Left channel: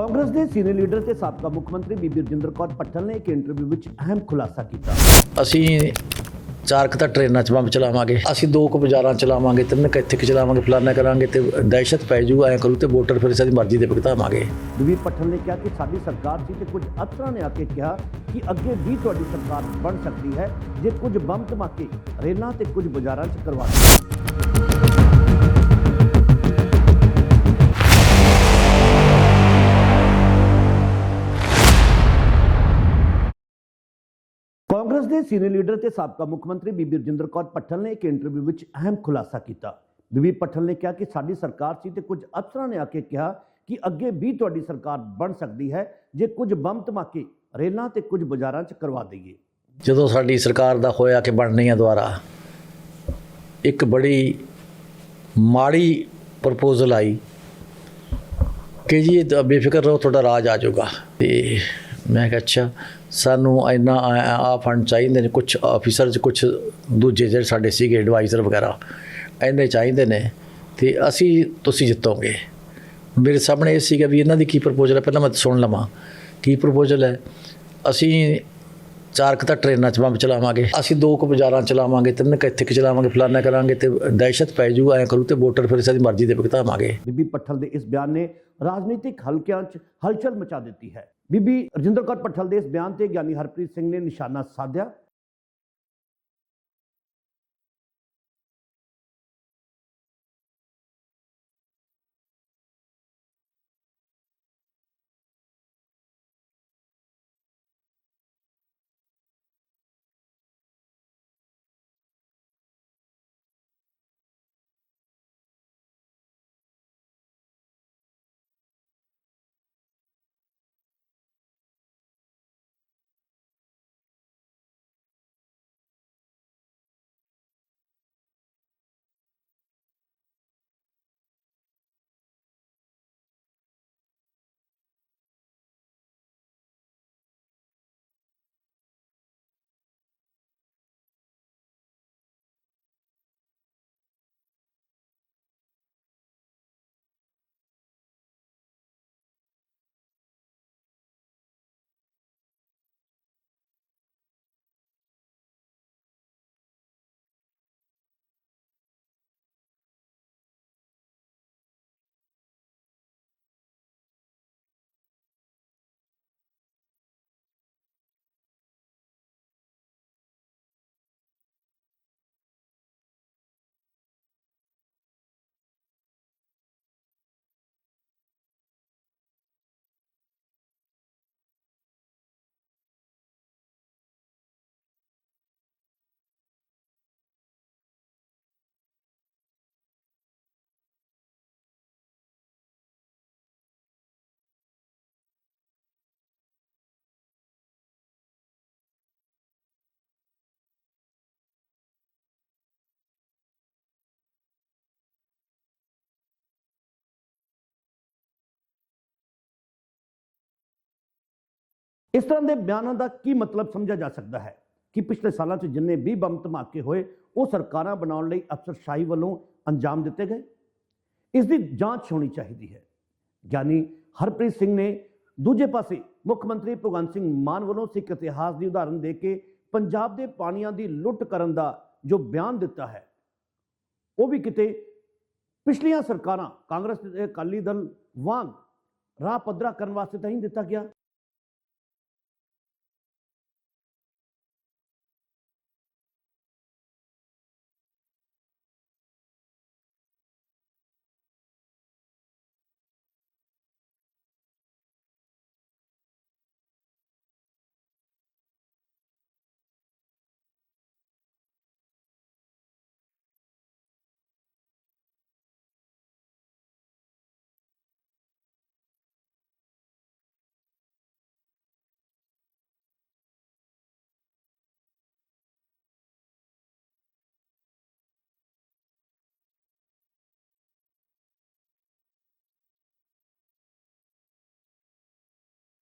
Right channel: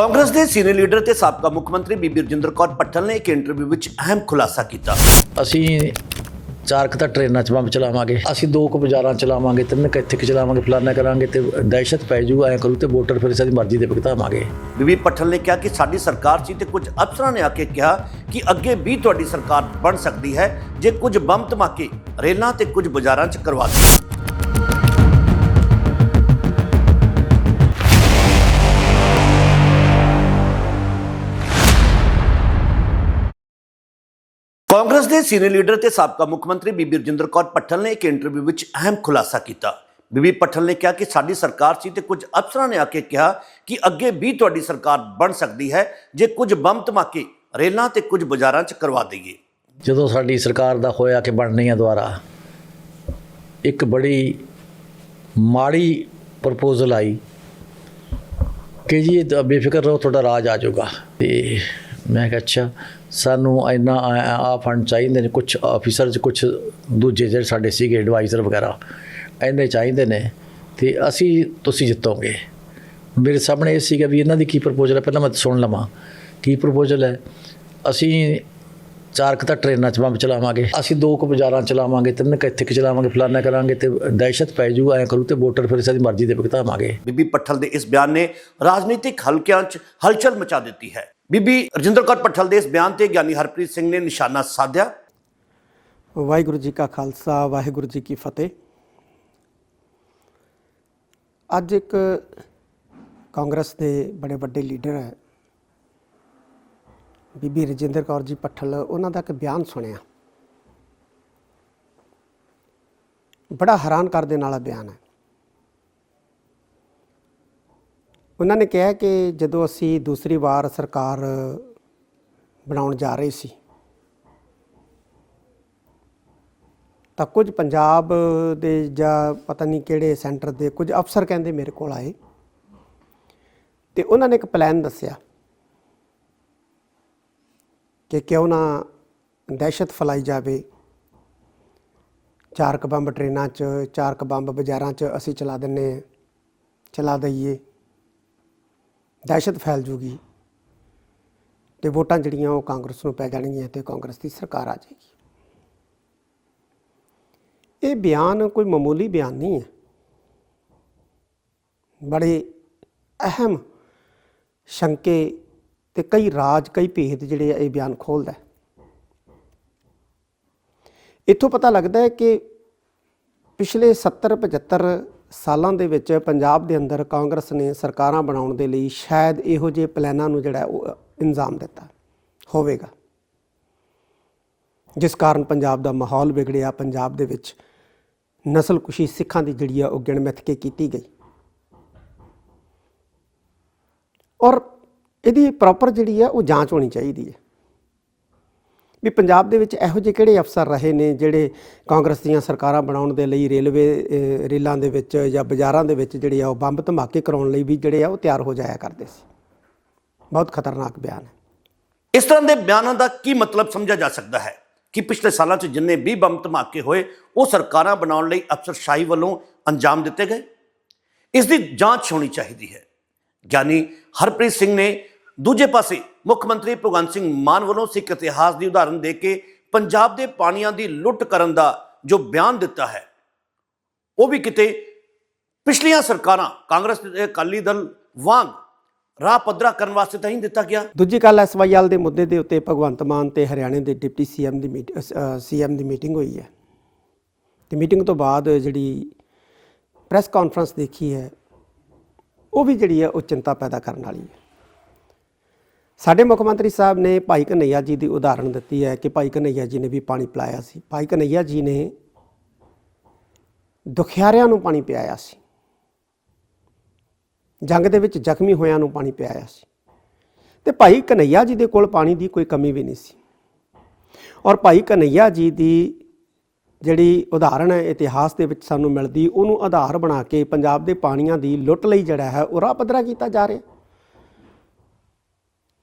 ਕਾਂਗਰਸ ਦੇ senior leader ਤੇ ਸਾਬਕਾ ਮੁੱਖ ਮੰਤਰੀ ਬੀਬੀ ਰਜਿੰਦਰ ਕੌਰ ਪੱਟਲ ਨੇ ਇੱਕ ਇੰਟਰਵਿਊ ਵਿੱਚ ਅਹਿਮ ਖੁਲਾਸਾ ਕੀਤਾ। ਅਸੀਂ ਚਾਰ ਕੁ ਤਾਂ ਟ੍ਰੇਨਾਂ 'ਚ ਬੰਬ ਚਲਾਵਾਂਗੇ ਅਸੀਂ ਦੋ ਕੁ ਬਾਜ਼ਾਰਾਂ ਚਲਾਵਾਂਗੇ ਤਿੰਨ ਕੁ ਇੱਥੇ ਕੁ ਚਲਾਵਾਂਗੇ ਫਲਾਨਾ ਕਰਾਂਗੇ ਤੇ ਦਹਿਸ਼ਤ ਪੈ ਜੂ ਐਂ ਕਰੂ ਤੇ ਵੋਟਰ ਫਿਰ ਸਾਡੀ ਮਰਜ਼ੀ ਦੇ ਭੁਗਤਾਵਾਂਗੇ। ਬੀਬੀ ਪੱਟਲ ਨੇ ਕਿਹਾ ਕਿ ਸਾਡੀ ਸਰਕਾਰ ਸੀ ਤੇ ਕੁਝ ਅਫਸਰਾਂ ਨੇ ਆ ਕੇ ਕਿਹਾ ਕਿ ਅੱਗੇ ਵੀ ਤੁਹਾਡੀ ਸਰਕਾਰ ਬਣ ਸਕਦੀ ਹੈ ਜੇ ਕੁਝ ਬੰਬ ਧਮਾਕੇ ਰੇਲਾਂ ਤੇ ਕੁਝ ਬਾਜ਼ਾਰਾਂ 'ਚ ਕਰਵਾ ਦਿੱਤੇ। ਦੇ ਸੀਨੀਅਰ ਲੀਡਰ ਤੇ ਸਾਬਕਾ ਮੁੱਖ ਮੰਤਰੀ ਬੀਬੀ ਰਜਿੰਦਰ ਕੌਰ ਪੱਟਲ ਨੇ ਇੱਕ ਇੰਟਰਵਿਊ ਵਿੱਚ ਅਹਿਮ ਖੁਲਾਸਾ ਕੀਤਾ। ਬੀਬੀ ਪੱਟਲ ਨੇ ਕਿਹਾ ਕਿ ਸਾਡੀ ਸਰਕਾਰ ਸੀ ਤੇ ਕੁਝ ਅਫਸਰਾਂ ਨੇ ਆ ਕੇ ਕਿਹਾ ਕਿ ਅੱਗੇ ਵੀ ਤੁਹਾਡੀ ਸਰਕਾਰ ਬਣ ਸਕਦੀ ਹੈ, ਜੇ ਕੁਝ ਬੰਬ ਧਮਾਕੇ ਰੇਲਾਂ ਤੇ ਕੁਝ ਬਾਜ਼ਾਰਾਂ 'ਚ ਕਰਵਾ ਦਈਏ। ਜਦੋਂ ਸਾਡੀ ਸਰਕਾਰ ਦਾ ਹੋਇਆ ਕਿ ਬਣਨੀ ਆ ਦੁਆਰਾ ਇੱਕ ਬੜੀ ਮਾੜੀ ਪ੍ਰਪੋਜ਼ਲ ਆਈ ਕਿ ਜੀ ਬੇਫਿਕਰ ਰਹੋ, ਤੁਹਾਡਾ ਰਾਜ ਆ ਜਾਊਗਾ। ਤੇ ਮੈਂ ਕਿਹਾ, ਅੱਛਾ ਸਾਨੂੰ ਇੰਨਾ ਆ ਫੰਡ ਚਾਹੀਦੇ ਨੇ ਕੁਝ ਆਫੀਸਰ ਕੁਝ ਦੂਜੇ ਜਿਹੜੇ ਸਾਡੇ ਸੀਗੇ ਐਡਵਾਈਜ਼ਰ ਵਗੈਰਾ, ਇੰਨੇ ਚਾਹੀਦੇ ਨੇ ਤੇ ਅਸੀਂ ਤੁਸੀਂ ਜਿੱਤੋਗੇ। ਮੇਰੇ ਸਾਹਮਣੇ ਇਹ ਸੀਗਾ ਵੀ ਇਹਨਾਂ ਦੀ ਕੀ ਪ੍ਰਪੋਜ਼ਲ ਹੈ, ਪਹਿਲਾਂ ਮੈਂ ਸੁਣ ਲਵਾਂ। ਕੀ ਪ੍ਰਪੋਜ਼ਲ ਹੈ? ਅਸੀਂ ਚਾਰ ਕੁ ਤਾਂ ਟ੍ਰੇਨਾਂ 'ਚ ਬੰਬ ਚਲਾਵਾਂਗੇ, ਅਸੀਂ ਦੋ ਕੁ ਬਾਜ਼ਾਰਾਂ 'ਚ ਚਲਾਵਾਂਗੇ, ਤਿੰਨ ਕੁ ਇੱਥੇ ਕੁ ਚਲਾਵਾਂਗੇ, ਫਲਾਨਾ ਕਰਾਂਗੇ ਤੇ ਦਹਿਸ਼ਤ ਪੈ ਜੂ, ਐਂ ਕਰੂ ਤੇ ਵੋਟਰ ਫਿਰ ਸਾਡੀ ਮਰਜ਼ੀ ਦੇ ਭੁਗਤਾਵਾਂਗੇ। ਬੀਬੀ ਪੱਠਲ ਦੇ ਇਸ ਬਿਆਨ ਨੇ ਰਾਜਨੀਤਿਕ ਹਲਕਿਆਂ 'ਚ ਹਲਚਲ ਮਚਾ ਦਿੱਤੀ ਹੈ। ਬੀਬੀ ਰਜਿੰਦਰ ਕੌਰ ਪੱਠਲ ਦੇ ਇਸ ਬਿਆਨ ਤੇ ਗਿਆਨੀ ਹਰਪ੍ਰੀਤ ਸਿੰਘ ਨੇ ਨਿਸ਼ਾਨਾ ਸਾਧਿਆ। ਵਾਹਿਗੁਰੂ ਜੀ ਕਾ ਖਾਲਸਾ, ਵਾਹਿਗੁਰੂ ਜੀ ਕੀ ਫਤਿਹ। ਅੱਜ ਇੱਕ ਕਾਂਗਰਸ ਦੇ ਬੜੇ ਵੱਡੇ ਲੀਡਰ ਹੈ, ਬੀਬੀ ਰਜਿੰਦਰ ਕੌਰ ਜੀ ਪੱਠਲ ਉਹਨਾਂ ਦਾ ਇੱਕ ਬਿਆਨ ਸੁਣਿਆ। ਬੜਾ ਹੈਰਾਨ ਕਰ ਦੇਣ ਵਾਲਾ ਬਿਆਨ ਹੈ। ਉਹਨਾਂ ਨੇ ਕਿਹਾ ਕਿ ਜਦੋਂ ਅਸੀਂ ਦੂਸਰੀ ਵਾਰ ਸਰਕਾਰ ਬਣਾਉਣ ਜਾ ਰਹੇ ਸੀ, ਤਾਂ ਕੁਝ ਪੰਜਾਬ ਦੇ ਜਾਂ ਪਤਾ ਨਹੀਂ ਕਿਹੜੇ ਸੈਂਟਰ ਦੇ ਕੁਝ ਅਫਸਰ ਕਹਿੰਦੇ ਮੇਰੇ ਕੋਲ ਆਏ ਤੇ ਉਹਨਾਂ ਨੇ ਇੱਕ ਪਲਾਨ ਦੱਸਿਆ ਕਿ ਕਿਉਂ ਨਾ ਦਹਿਸ਼ਤ ਫੈਲਾਈ ਜਾਵੇ। ਚਾਰ ਕ ਬੰਬ ਟ੍ਰੇਨਾਂ 'ਚ ਚਾਰ ਕ ਬੰਬ ਬਾਜ਼ਾਰਾਂ 'ਚ ਅਸੀਂ ਚਲਾ ਦਿੰਨੇ ਚਲਾ ਦਈਏ। ਦਹਿਸ਼ਤ ਫੈਲ ਜੂਗੀ ਤੇ ਵੋਟਾਂ ਜਿਹੜੀਆਂ ਉਹ ਕਾਂਗਰਸ ਨੂੰ ਪੈ ਜਾਣਗੀਆਂ ਤੇ ਕਾਂਗਰਸ ਦੀ ਸਰਕਾਰ ਆ ਜਾਏਗੀ। ਇਹ ਬਿਆਨ ਕੋਈ ਮਾਮੂਲੀ ਬਿਆਨ ਨਹੀਂ ਹੈ। ਬੜੇ ਅਹਿਮ ਸ਼ੰਕੇ ਤੇ ਕਈ ਰਾਜ, ਕਈ ਭੇਦ ਜਿਹੜੇ ਆ, ਇਹ ਬਿਆਨ ਖੋਲਦਾ ਹੈ। ਇੱਥੋਂ ਪਤਾ ਲੱਗਦਾ ਹੈ ਕਿ ਪਿਛਲੇ 70 75 ਸਾਲਾਂ ਦੇ ਵਿੱਚ ਪੰਜਾਬ ਦੇ ਅੰਦਰ ਕਾਂਗਰਸ ਨੇ ਸਰਕਾਰਾਂ ਬਣਾਉਣ ਦੇ ਲਈ ਸ਼ਾਇਦ ਇਹੋ ਜਿਹੇ ਪਲਾਨਾਂ ਨੂੰ ਜਿਹੜਾ ਉਹ ਇੰਜ਼ਾਮ ਦਿੱਤਾ ਹੋਵੇਗਾ। ਜਿਸ ਕਾਰਨ ਪੰਜਾਬ ਦਾ ਮਾਹੌਲ ਵਿਗੜਿਆ, ਪੰਜਾਬ ਦੇ ਵਿੱਚ ਨਸਲਕੁਸ਼ੀ ਸਿੱਖਾਂ ਦੀ ਜਿਹੜੀ ਆ ਉਹ ਗਿਣਮਿੱਥ ਕੇ ਕੀਤੀ ਗਈ। ਔਰ ਇਹਦੀ ਪ੍ਰੋਪਰ ਜਿਹੜੀ ਆ ਉਹ ਜਾਂਚ ਹੋਣੀ ਚਾਹੀਦੀ ਹੈ। ਵੀ ਪੰਜਾਬ ਦੇ ਵਿੱਚ ਇਹੋ ਜਿਹੇ ਕਿਹੜੇ ਅਫਸਰ ਰਹੇ ਨੇ ਜਿਹੜੇ ਕਾਂਗਰਸ ਦੀਆਂ ਸਰਕਾਰਾਂ ਬਣਾਉਣ ਦੇ ਲਈ ਰੇਲਵੇ ਰੇਲਾਂ ਦੇ ਵਿੱਚ ਜਾਂ ਬਾਜ਼ਾਰਾਂ ਦੇ ਵਿੱਚ ਜਿਹੜੇ ਆ ਉਹ ਬੰਬ ਧਮਾਕੇ ਕਰਾਉਣ ਲਈ ਵੀ ਜਿਹੜੇ ਆ ਉਹ ਤਿਆਰ ਹੋ ਜਾਇਆ ਕਰਦੇ ਸੀ? ਬਹੁਤ ਖਤਰਨਾਕ ਬਿਆਨ ਹੈ। ਇਸ ਤਰ੍ਹਾਂ ਦੇ ਬਿਆਨਾਂ ਦਾ ਕੀ ਮਤਲਬ ਸਮਝਿਆ ਜਾ ਸਕਦਾ ਹੈ? ਕਿ ਪਿਛਲੇ ਸਾਲਾਂ 'ਚ ਜਿੰਨੇ ਵੀ ਬੰਬ ਧਮਾਕੇ ਹੋਏ, ਉਹ ਸਰਕਾਰਾਂ ਬਣਾਉਣ ਲਈ ਅਫਸਰਸ਼ਾਹੀ ਵੱਲੋਂ ਅੰਜਾਮ ਦਿੱਤੇ ਗਏ? ਇਸ ਦੀ ਜਾਂਚ ਹੋਣੀ ਚਾਹੀਦੀ ਹੈ। ਗਿਆਨੀ ਹਰਪ੍ਰੀਤ ਸਿੰਘ ਨੇ ਦੂਜੇ ਪਾਸੇ ਮੁੱਖ ਮੰਤਰੀ ਭਗਵੰਤ ਸਿੰਘ ਮਾਨ ਵੱਲੋਂ ਸਿੱਖ ਇਤਿਹਾਸ ਦੀ ਉਦਾਹਰਨ ਦੇ ਕੇ ਪੰਜਾਬ ਦੇ ਪਾਣੀਆਂ ਦੀ ਲੁੱਟ ਕਰਨ ਦਾ ਜੋ ਬਿਆਨ ਦਿੱਤਾ ਹੈ, ਉਹ ਵੀ ਕਿਤੇ ਪਿਛਲੀਆਂ ਸਰਕਾਰਾਂ, ਕਾਂਗਰਸ ਤੇ ਅਕਾਲੀ ਦਲ ਵਾਂਗ ਰਾਹ ਪੱਧਰਾ ਕਰਨ ਵਾਸਤੇ ਤਾਂ ਹੀ ਦਿੱਤਾ ਗਿਆ। ਦੂਜੀ ਗੱਲ ਐਸਵਾਈਐਲ ਦੇ ਮੁੱਦੇ ਦੇ ਉੱਤੇ ਭਗਵੰਤ ਮਾਨ ਤੇ ਹਰਿਆਣੇ ਦੇ ਡਿਪਟੀ ਸੀਐਮ ਦੀ ਮੀਟ ਸੀਐਮ ਦੀ ਮੀਟਿੰਗ ਹੋਈ ਹੈ। ਤੇ ਮੀਟਿੰਗ ਤੋਂ ਬਾਅਦ ਜਿਹੜੀ ਪ੍ਰੈਸ ਕਾਨਫਰੰਸ ਦੇਖੀ ਹੈ, ਉਹ ਵੀ ਜਿਹੜੀ ਹੈ, ਉਹ ਚਿੰਤਾ ਪੈਦਾ ਕਰਨ ਵਾਲੀ ਹੈ। ਸਾਡੇ ਮੁੱਖ ਮੰਤਰੀ ਸਾਹਿਬ ਨੇ ਭਾਈ ਕਨਈਆ ਜੀ ਦੀ ਉਦਾਹਰਣ ਦਿੱਤੀ ਹੈ ਕਿ ਭਾਈ ਕਨਈਆ ਜੀ ਨੇ ਵੀ ਪਾਣੀ ਪਿਲਾਇਆ ਸੀ। ਭਾਈ ਕਨਈਆ ਜੀ ਨੇ ਦੁਖਿਆਰਿਆਂ ਨੂੰ ਪਾਣੀ ਪਿਆਇਆ ਸੀ। ਜੰਗ ਦੇ ਵਿੱਚ ਜ਼ਖਮੀ ਹੋਇਆਂ ਨੂੰ ਪਾਣੀ ਪਿਆਇਆ ਸੀ। ਤੇ ਭਾਈ ਕਨਈਆ ਜੀ ਦੇ ਕੋਲ ਪਾਣੀ ਦੀ ਕੋਈ ਕਮੀ ਵੀ ਨਹੀਂ ਸੀ। ਔਰ ਭਾਈ ਕਨਈਆ ਜੀ ਦੀ ਜਿਹੜੀ ਉਦਾਹਰਣ ਹੈ, ਇਤਿਹਾਸ ਦੇ ਵਿੱਚ ਸਾਨੂੰ ਮਿਲਦੀ, ਉਹਨੂੰ ਆਧਾਰ ਬਣਾ ਕੇ ਪੰਜਾਬ ਦੇ ਪਾਣੀਆਂ ਦੀ ਲੁੱਟ ਲਈ ਜਿਹੜਾ ਹੈ, ਉਹ ਰਾਹ ਪੱਧਰਾ ਕੀਤਾ ਜਾ ਰਿਹਾ।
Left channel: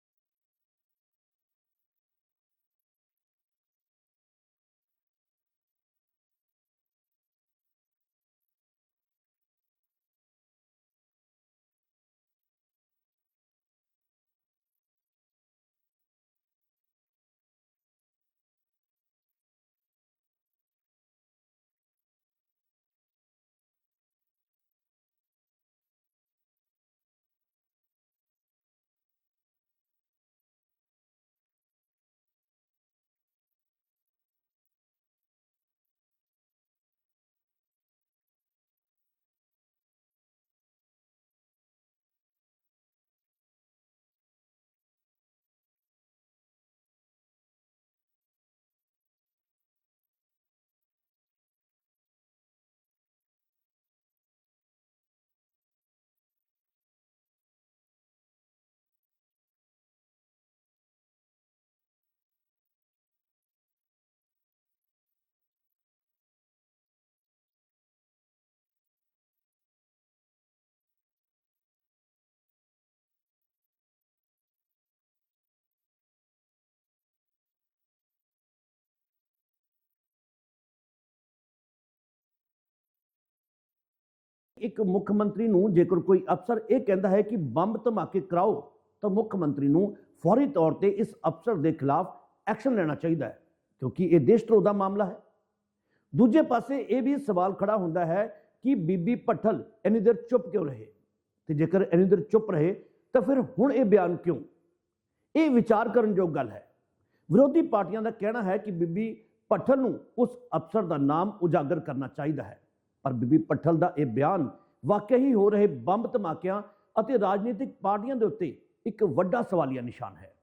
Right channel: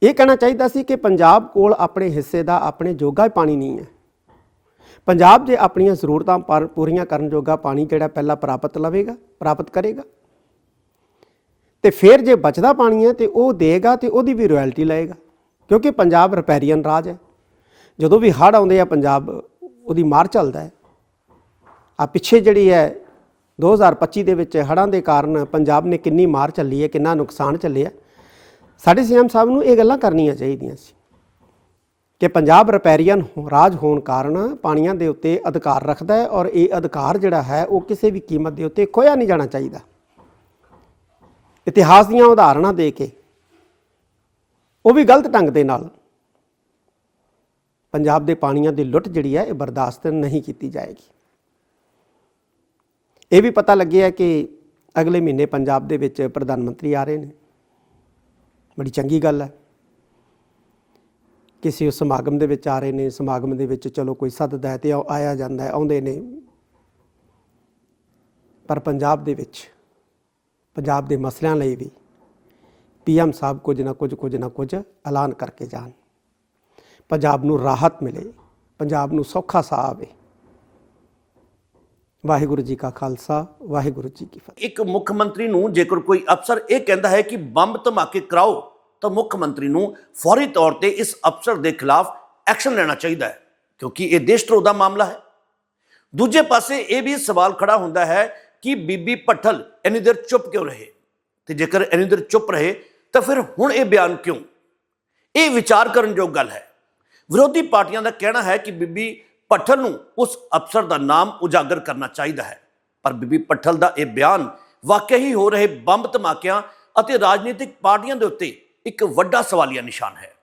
ਇਹ ਕਹਿਣਾ ਚਾਹੀਦਾ ਸੀ ਕਿ ਪੰਜਾਬ ਕੋਲ ਆਪਣੇ ਹਿੱਸੇ ਦਾ, ਆਪਣੇ ਜੋਗਾ ਪਾਣੀ ਨਹੀਂ ਹੈ। ਪੰਜਾਬ ਜੇ ਆਪਣੀਆਂ ਜ਼ਰੂਰਤਾਂ ਪਰ ਪੂਰੀਆਂ ਕਰਨ ਜੋਗਾ ਪਾਣੀ ਜਿਹੜਾ ਪਹਿਲਾਂ ਪ੍ਰਾਪਤ ਲਵੇਗਾ, ਪ੍ਰਾਪਤ ਕਰੇਗਾ? ਤੇ ਫਿਰ ਜੇ ਬਚਦਾ ਪਾਣੀ ਹੈ ਤੇ ਉਹ ਦੇਗਾ ਤੇ ਉਹਦੀ ਵੀ ਰਾਇਲਟੀ ਲਏਗਾ, ਕਿਉਂਕਿ ਪੰਜਾਬ ਰਿਪੈਰੀਅਨ ਰਾਜ ਹੈ। ਜਦੋਂ ਵੀ ਹੜ੍ਹ ਆਉਂਦੇ ਆ, ਪੰਜਾਬ ਉਹਦੀ ਮਾਰ ਚੱਲਦਾ ਹੈ। ਆ ਪਿੱਛੇ ਜਿਹੜੀ ਹੈ 2025 ਦੇ ਵਿੱਚ ਹੜ੍ਹਾਂ ਦੇ ਕਾਰਨ ਪੰਜਾਬ ਨੇ ਕਿੰਨੀ ਮਾਰ ਚੱਲੀ ਹੈ, ਕਿੰਨਾ ਨੁਕਸਾਨ ਚੱਲਿਆ। ਸਾਡੇ ਸੀਐਮ ਸਾਹਿਬ ਨੂੰ ਇਹ ਗੱਲਾਂ ਕਰਨੀਆਂ ਚਾਹੀਦੀਆਂ ਸੀ ਕਿ ਪੰਜਾਬ ਰਿਪੈਰੀਅਨ ਰਾਜ ਹੋਣ ਕਾਰਨ ਪਾਣੀਆਂ ਦੇ ਉੱਤੇ ਅਧਿਕਾਰ ਰੱਖਦਾ ਹੈ ਔਰ ਇਹ ਅਧਿਕਾਰ ਜਿਹੜਾ ਹੈ ਉਹ ਕਿਸੇ ਵੀ ਕੀਮਤ ਦੇ ਉੱਤੇ ਖੋਇਆ ਨਹੀਂ ਜਾਣਾ ਚਾਹੀਦਾ। ਇਤਿਹਾਸ ਦੀਆਂ ਉਦਾਹਰਣਾਂ ਦੇ ਕੇ ਉਹ ਵੀ ਗਲਤ ਢੰਗ ਦੇ ਨਾਲ ਪੰਜਾਬ ਦੇ ਪਾਣੀਆਂ ਦੀ ਲੁੱਟ ਜਿਹੜੀ ਹੈ ਇਹ ਬਰਦਾਸ਼ਤ ਨਹੀਂ ਕੀਤੀ ਜਾਏਗੀ। ਇਹ ਵੀ ਪਤਾ ਲੱਗਿਆ ਕਿ ਅਗਲੇ ਮਹੀਨੇ ਪੰਜਾਬ ਦੇ ਵਿੱਚ ਪ੍ਰਧਾਨ ਮੰਤਰੀ ਆ ਰਹੇ ਨੇ। ਬੜੀ ਚੰਗੀ ਗੱਲ ਹੈ। ਕਿਸੇ ਸਮਾਗਮ ਦੇ ਵਿੱਚ ਆ ਰਹੇ ਨੇ, ਸਮਾਗਮ ਦੇ ਵਿੱਚ ਚਲੋ ਕੋਈ ਸੱਦਦਾ ਹੈ ਤੇ ਆਇਆ ਜਾਂਦਾ ਹੈ, ਆਉਂਦੇ ਨੇ। ਪਰ ਪੰਜਾਬ ਦੇ ਵਿੱਚ, ਪੰਜਾਬ ਦੇ ਮਸਲਿਆਂ ਲਈ ਵੀ ਪੀਐਮ ਸਾਹਿਬ ਕੁਝ ਨਾ ਕੁਝ ਕੁਝ ਨਾ ਕੁਝ ਐਲਾਨ ਕਰਕੇ ਜਾਣ। ਪੰਜਾਬ ਨੂੰ ਰਾਹਤ ਮਿਲੇ, ਪੰਜਾਬ ਨੂੰ ਸੌਖਾ ਸਾਹ ਆਵੇ। ਵਾਹਿਗੁਰੂ ਜੀ ਕਾ ਖਾਲਸਾ, ਵਾਹਿਗੁਰੂ ਜੀ ਕੀ ਫਤਿਹ। ਇੱਕ ਮੁੱਖ ਮੰਤਰੀ ਨੂੰ ਜੇਕਰ ਕੋਈ ਅਫਸਰ ਇਹ ਕਹਿੰਦਾ ਹੈ ਕਿ ਬੰਬ ਧਮਾਕੇ ਕਰਾਓ, ਤਾਂ ਮੁੱਖ ਮੰਤਰੀ ਨੂੰ ਫੌਰੀ ਤੌਰ ਤੇ ਇਸ ਅਫਸਰ ਦੇ ਖਿਲਾਫ ਐਕਸ਼ਨ ਲੈਣਾ ਚਾਹੀਦਾ ਹੈ, ਕਿਉਂਕਿ ਇਹ ਦੇਸ਼ ਧਰੋਹ ਦਾ ਮਾਮਲਾ ਹੈ। ਦੂਜੇ ਪਾਸੇ ਇਹ ਵੀ ਸਵਾਲ ਖੜਾ ਹੁੰਦਾ ਹੈ ਕਿ ਬੀਬੀ ਭੱਠਲ ਇੰਨੀ ਦੇਰ ਚੁੱਪ ਕਿਉਂ ਰਹੇ? ਤੇ ਜੇਕਰ ਇੰਨੀ ਦੇਰ ਚੁੱਪ ਰਹੇ, ਤਾਂ ਫਿਰ ਹੁਣ ਇਹ ਬਿਆਨ ਕਿਉਂ? ਇਹ ਵਿਚਾਰ ਕਰਨ ਯੋਗ ਗੱਲ ਹੈ। ਵਿਰੋਧੀ ਪਾਰਟੀਆਂ ਦਾ ਕਹਿਣਾ ਹੈ ਕਿ ਬੀਬੀ ਭੱਠਲ ਨੂੰ ਉਸ ਅਫਸਰ ਦਾ ਨਾਮ ਉਜਾਗਰ ਕਰਨਾ ਚਾਹੀਦਾ ਹੈ। ਪਰ ਬੀਬੀ ਭੱਠਲ ਦਾ ਇਹ ਬਿਆਨ ਵਾਕਿਆ ਹੀ ਹੋ ਰਹੇ ਬੰਬ ਧਮਾਕਿਆਂ ਅਤੇ ਰਾਜਨੀਤਿਕ ਪਾਰਟੀਆਂ ਦੇ ਉੱਤੇ ਇੱਕ ਵੱਡਾ ਸਵਾਲੀਆ ਨਿਸ਼ਾਨ ਹੈ।